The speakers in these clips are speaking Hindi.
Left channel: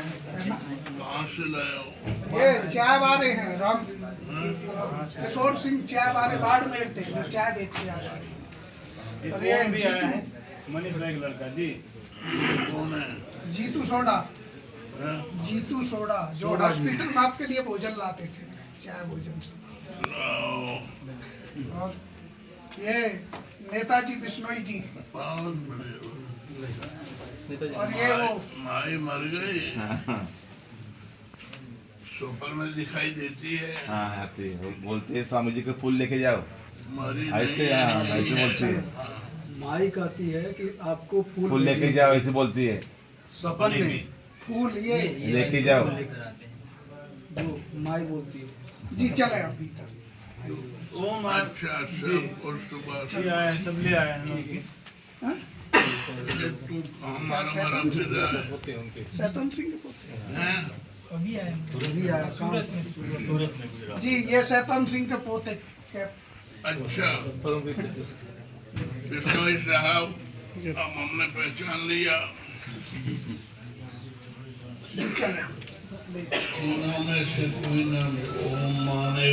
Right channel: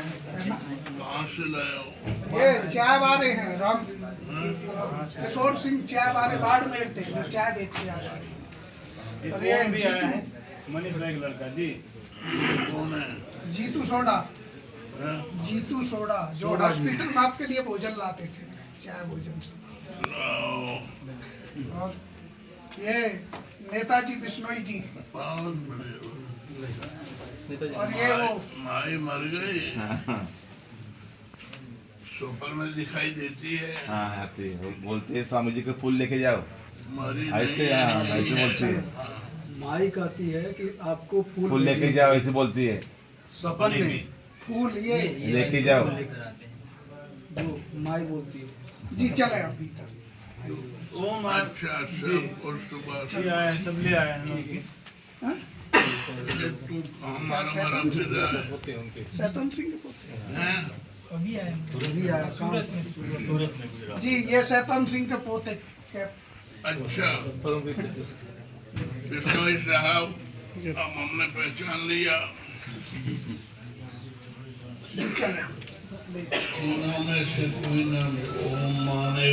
कहाँ से लाए हो? ये चाय वाले हैं राम किशोर सिंह चाय वाले बाड़मेर थे जो चाय बेचते हैं। और ये भी आया है मनीष भाई का लड़का जी। कौन है? जीतू सोडा, हैं? जीतू सोडा जो हॉस्पिटल में आपके लिए भोजन लाते थे, चाय भोजन से। लाओ। और ये नेताजी बिश्नोई जी, बहुत बड़े हो। और ये वो माई मर गई, स्वप्न में दिखाई देती है। हाँ आती है, वो बोलते हैं स्वामी जी को फूल लेके जाओ, मरी ऐसे नहीं है। हाँ ऐसे बोलती है, माई कहती है कि आपको फूल लेके जाओ ऐसे बोलती है, सपन में फूल ये लेके जाओ। जो माई बोलती है। जी चले अब भीतर। ओम अच्छा सब और सुबह जी आया है, सब ले आया है लोग की। अरे तू हमारा मरा फिर रहा है। सैतन सिंह के पोते हैं? अभी आया काम जी, ये सैतन सिंह के पोते के अच्छा बिश्नोई साहब, अब हमने पहचान लिया। चले तीनों में से कोई ना ओम माने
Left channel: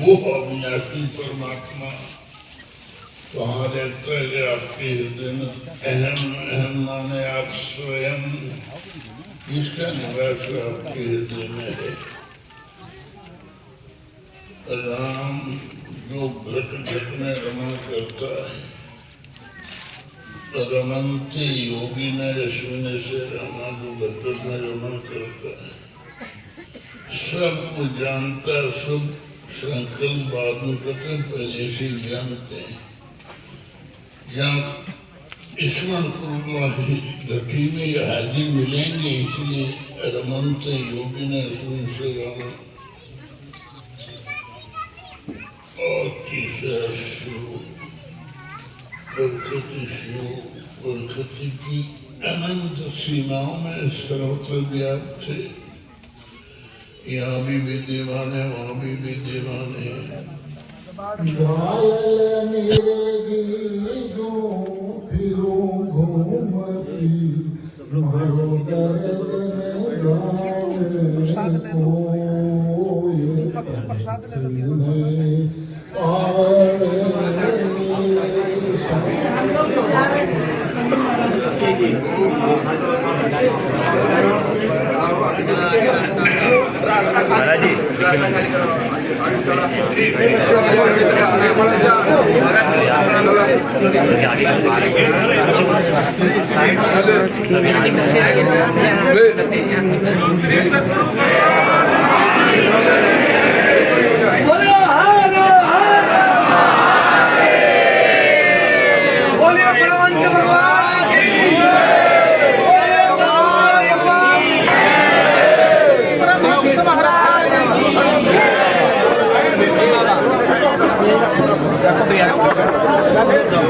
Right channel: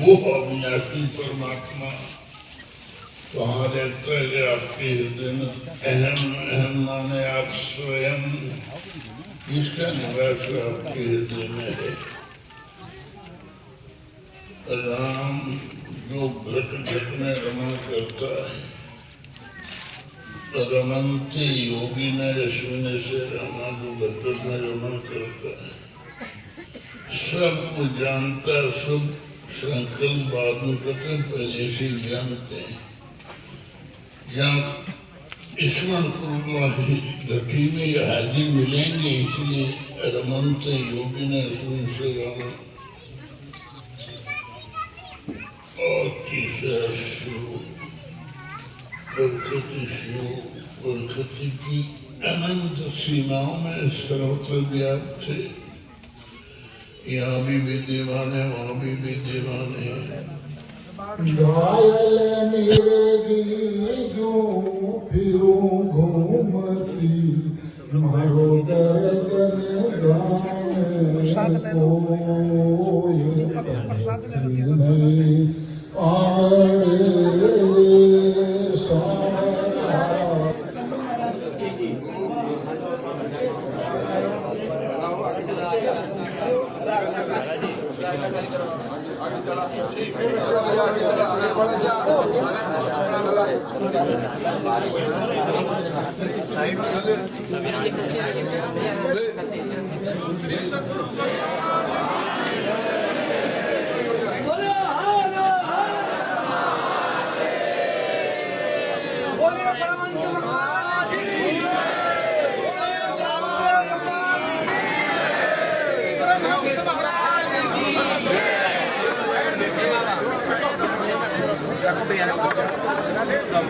वो अविनाशी परमात्मा वहाँ रहता है जो आपके हृदय में। अहम अहम माने आप स्वयं, इसका निवास आपके हृदय में है। राम जो घट घट में रमा करता है, रमनते योगी ने यशविन से रमा जो घट घट में रमा करता है, सब जानता, सब संकल्प बाद में करते, पहले से जानते हैं। जहाँ ईश्वर घटी में हाजिर मिलेंगे, इसलिए रमनते योगी ने यशविन से रमा। और तीसरा शिव, प्रकृति शिव, प्रकृति की अनंत सीमाओं में सर्वत्र व्याप्त थे। यहाँ भी विद्यमान है, वहाँ भी विद्यमान है। घायल मेरे जो फिरूं घूमती, मारो गर्दन प्रसाद ले लो, दीपक को प्रसाद ले लो,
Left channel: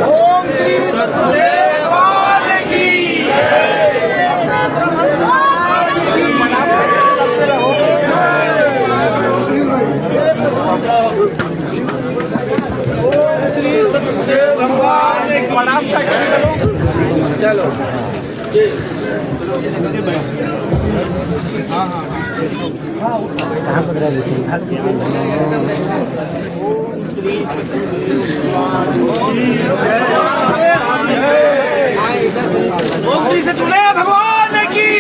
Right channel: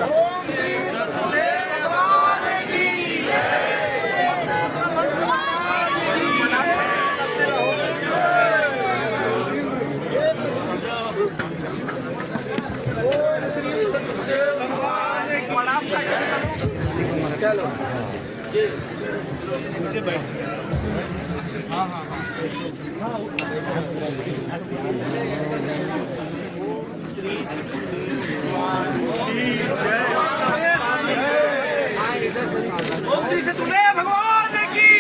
ओम श्री सतगुरुदेव की श्री सतगुरुदेव भगवान की प्रणाम। चलो ओम श्री सतगुरुदेव भगवान की।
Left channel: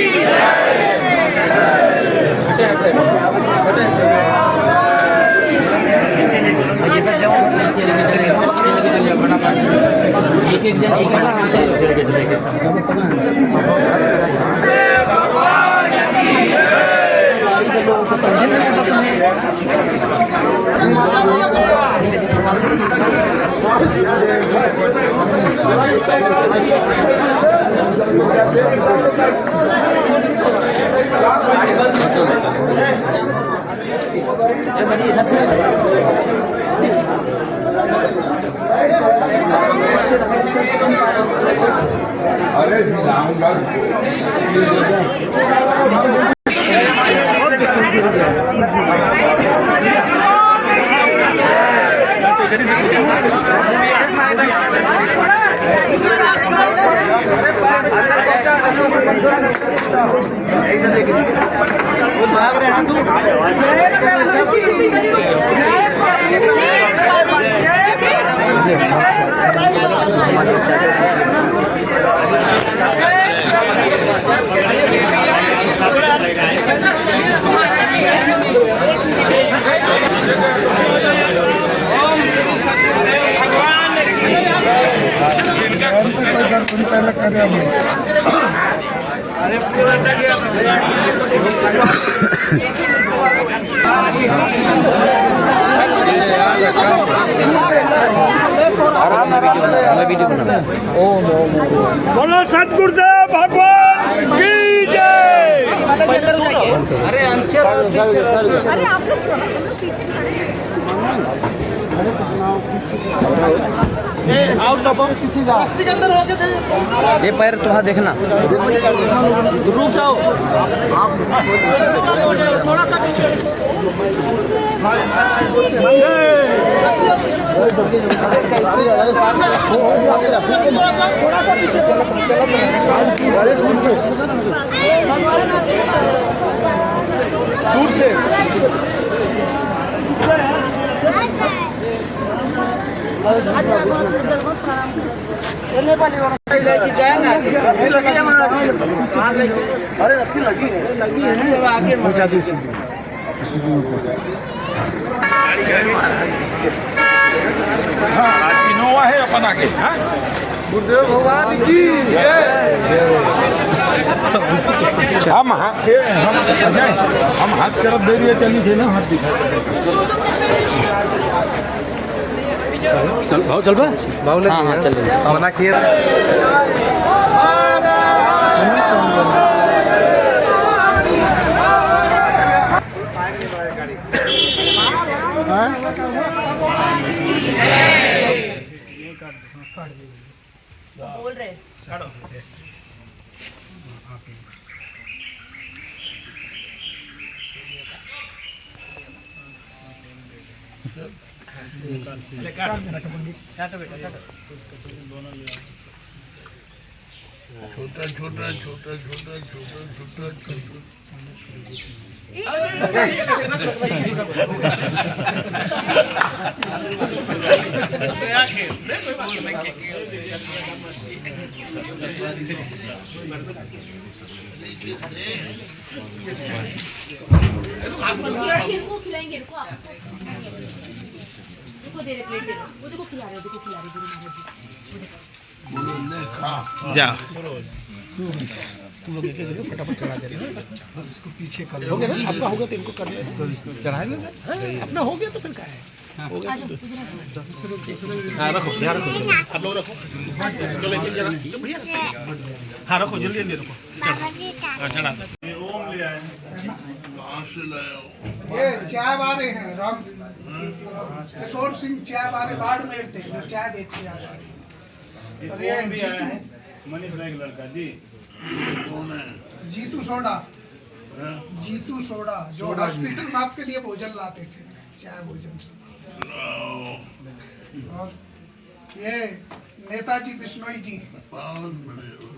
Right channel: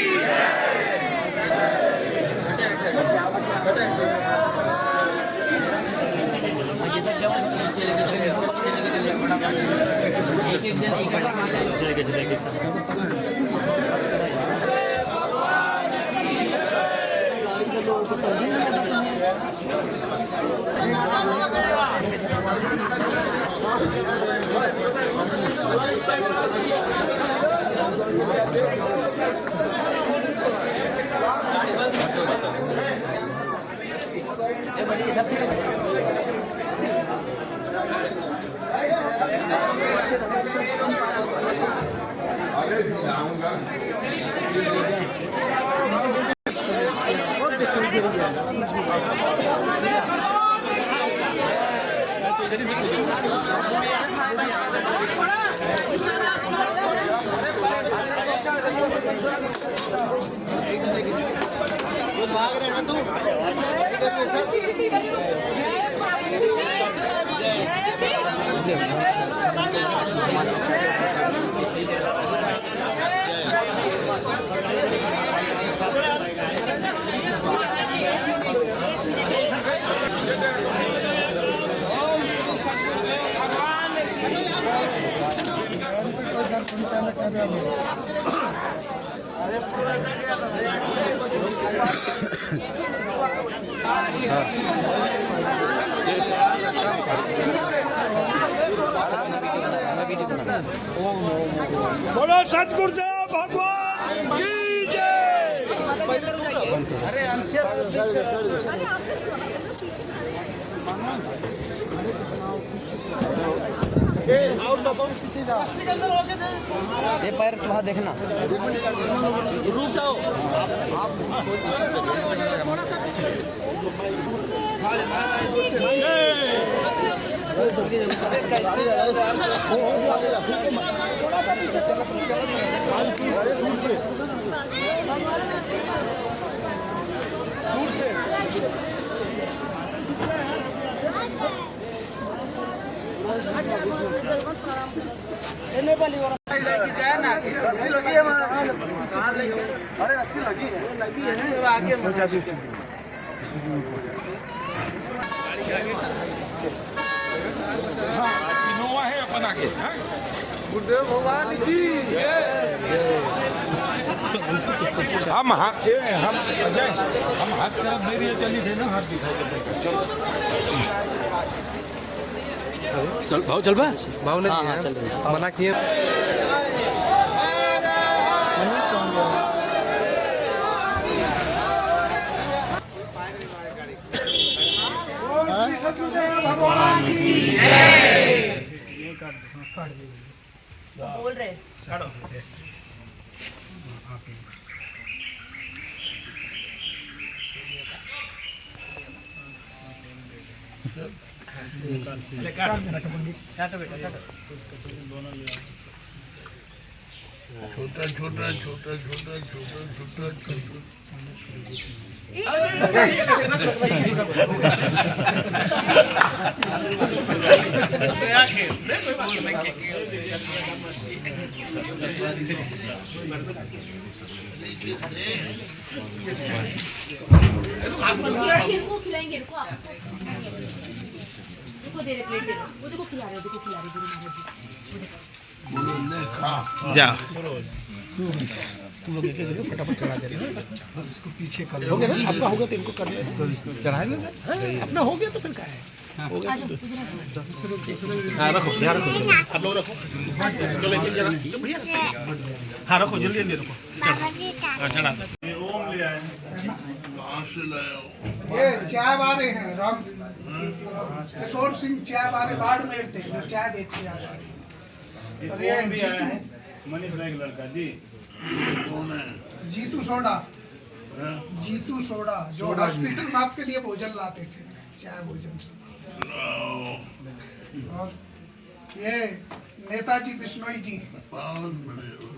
एक जन अरे लाऊंगा Gracias. बोलो सतगुरुदेव भगवान की जय। अरे आप लोग पीछे खड़े हैं। ये पैर तो वहाँ देखना, रुक जाओ। थोड़ा सा पीछे। अरे रस्सी लगी है आगे पहुंचा दी इनोवा है अपन आगे। गुरुदेव भगवान की हम हाथ तरफ दे दिए चली थे ना हाथ चल भाव चल बा हाँ चल मना किए। बोल रहे छोटा छोटा छोटा छोटा छोटा छोटा छोटा इनको खिलाएंगे, इनको आप देखो दे रहे प्लेट दे रहे, वो देखो खिला रहे, देखो खिला रहे गुरु महाराज जी। जा तुम लोग एक फटाफट चढ़ा दे रहे हो, इसको पीछे कर हो गया ना, आपका हो गया तो इनको कर दे, चढ़ाए ना, अपना हो गया तो फिर क्या है। रखो ध्यान रखो, आप लोग रखो, चलो एक जरा भैया, हाँ रखो जल्दी जल्दी रखो, चढ़ा ओम ले आए। कहाँ से लाया हो? ये चाय वाले हैं राम किशोर सिंह चाय वाले बाड़मेर थे, जो चाय बेचते हैं। और ये ओम भी आया है, जीतू मनीष भाई का लड़का जी। कौन है? जीतू सोडा, हैं? जीतू सोडा जो सोडा हॉस्पिटल में आपके लिए भोजन लाते थे, चाय भोजन से। लाओ। और ये नेताजी बिश्नोई जी, बहुत बड़े हो।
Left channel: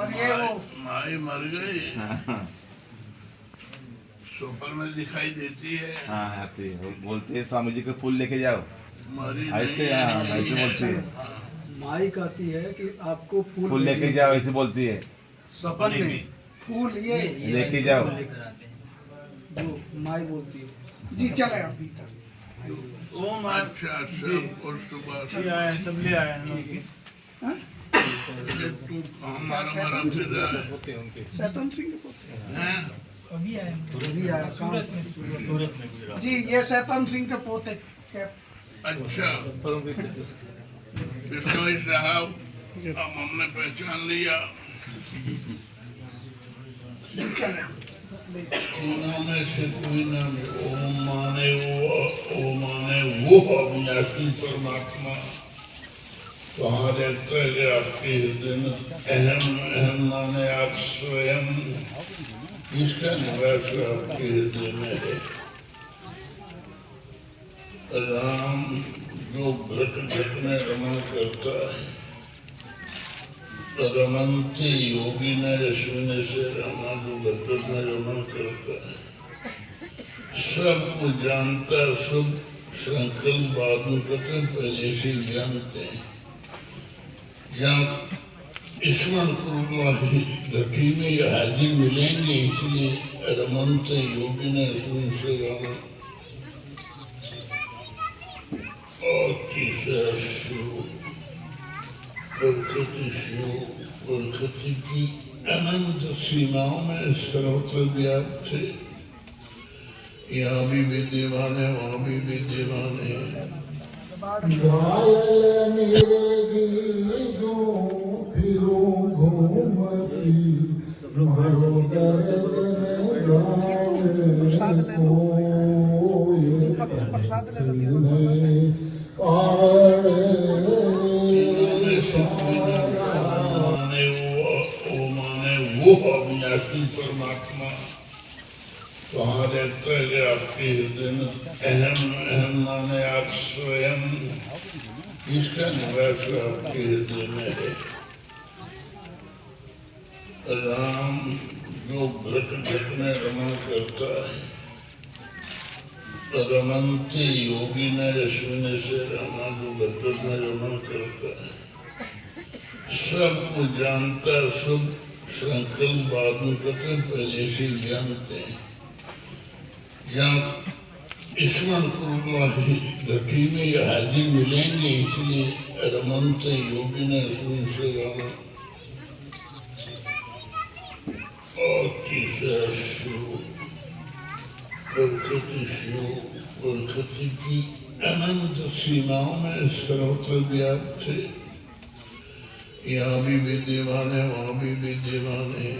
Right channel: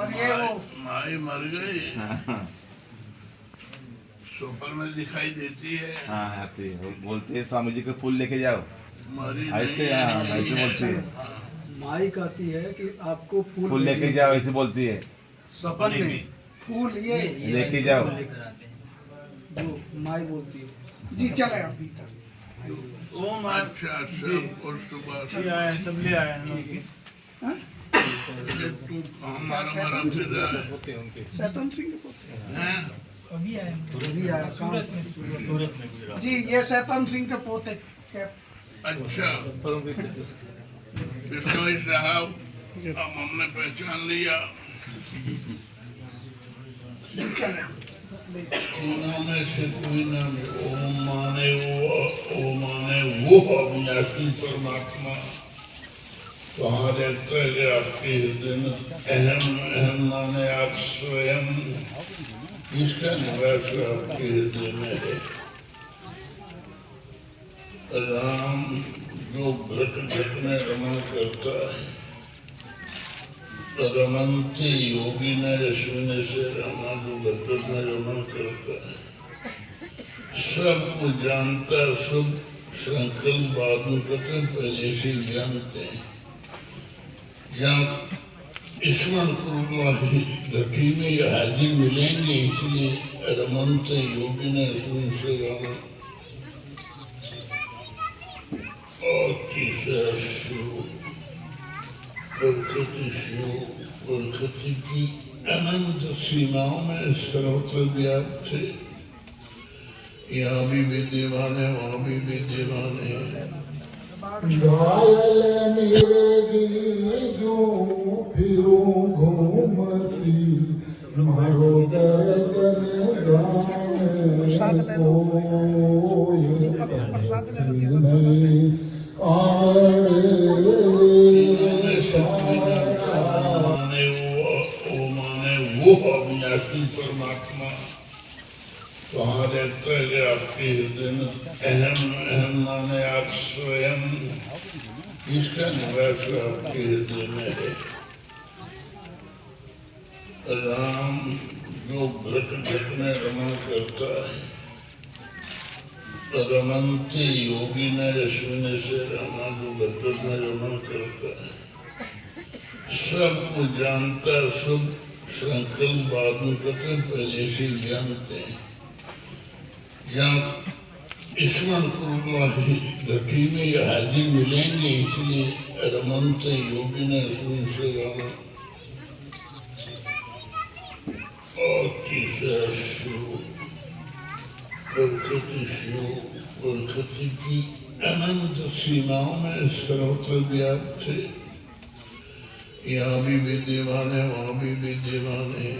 और ये वो माई मर गई, स्वप्न में दिखाई देती है। हाँ आती है, बोलते हैं स्वामी जी के फूल लेके जाओ, मरी ऐसे नहीं हाँ, है। ऐसे बोलती है, माई कहती है कि आपको फूल लेके जाओ, ऐसे बोलती है, सपन में फूल ये लेके जाओ। जो माई बोलती है। जी चले अब भीतर। ओम आप अच्छा जी सब और सुबह जी आए हैं, सब ले आए हैं लोग की। तू हमारा फिर रहा है। सैतन सिंह के पोते हैं? अभी आया काम जी, ये सैतन सिंह के पोते के अच्छा बिश्नोई साहब, अब हमने पहचान लिया। तीनों में से कोई नाम ओम माने वो अविनाशी परमात्मा वहाँ रहता है आपके हृदय में। अहम माने आप स्वयं, इसका निवास आपके हृदय में है। राम जो घट घट में रमा करता है, रमन्ते योगी न यशविन से रमानु बतर न रमन करता सब कुछ जानता, सब संकल्प बाद में करते, पहले से जानते हैं। जहाँ ईश्वर पूर्वाही घटी में ये हाजिर मिलेंगे, इसलिए रमन्त योगी ने यशविन से रमन और तीसरा शिव प्रकृति की अनंत सीमाओं में सर्वत्र व्याप्त थे। यहाँ भी विद्यमान है, वहाँ भी विद्यमान है। घायल मिलेगी जो फिरो घूमती, मारो गर्दन प्रसाद ले लो। जाए प्रसाद ले लो। वो अविनाशी परमात्मा वहाँ रहता है कि आपके हृदय में अहम अहम माने आप स्वयं, इसका निवास आपके हृदय में है। राम जो घट घट में रमन करता है, रमन्ते योगी न यशविन से रमानु बतर न रमन करता है सब कुछ जानता, सब संकल्प बाद में करते, पहले से जानते हैं। जहाँ ईश्वर पूर्वाही घटी में ये हाजिर मिलेंगे, इसलिए रमन्त योगी ने यशविन से रमन और तीसरा शिव प्रकृति की अनंत सीमाओं में सर्वत्र व्याप्त थे। यहाँ भी विद्यमान है, वहाँ भी विद्यमान है।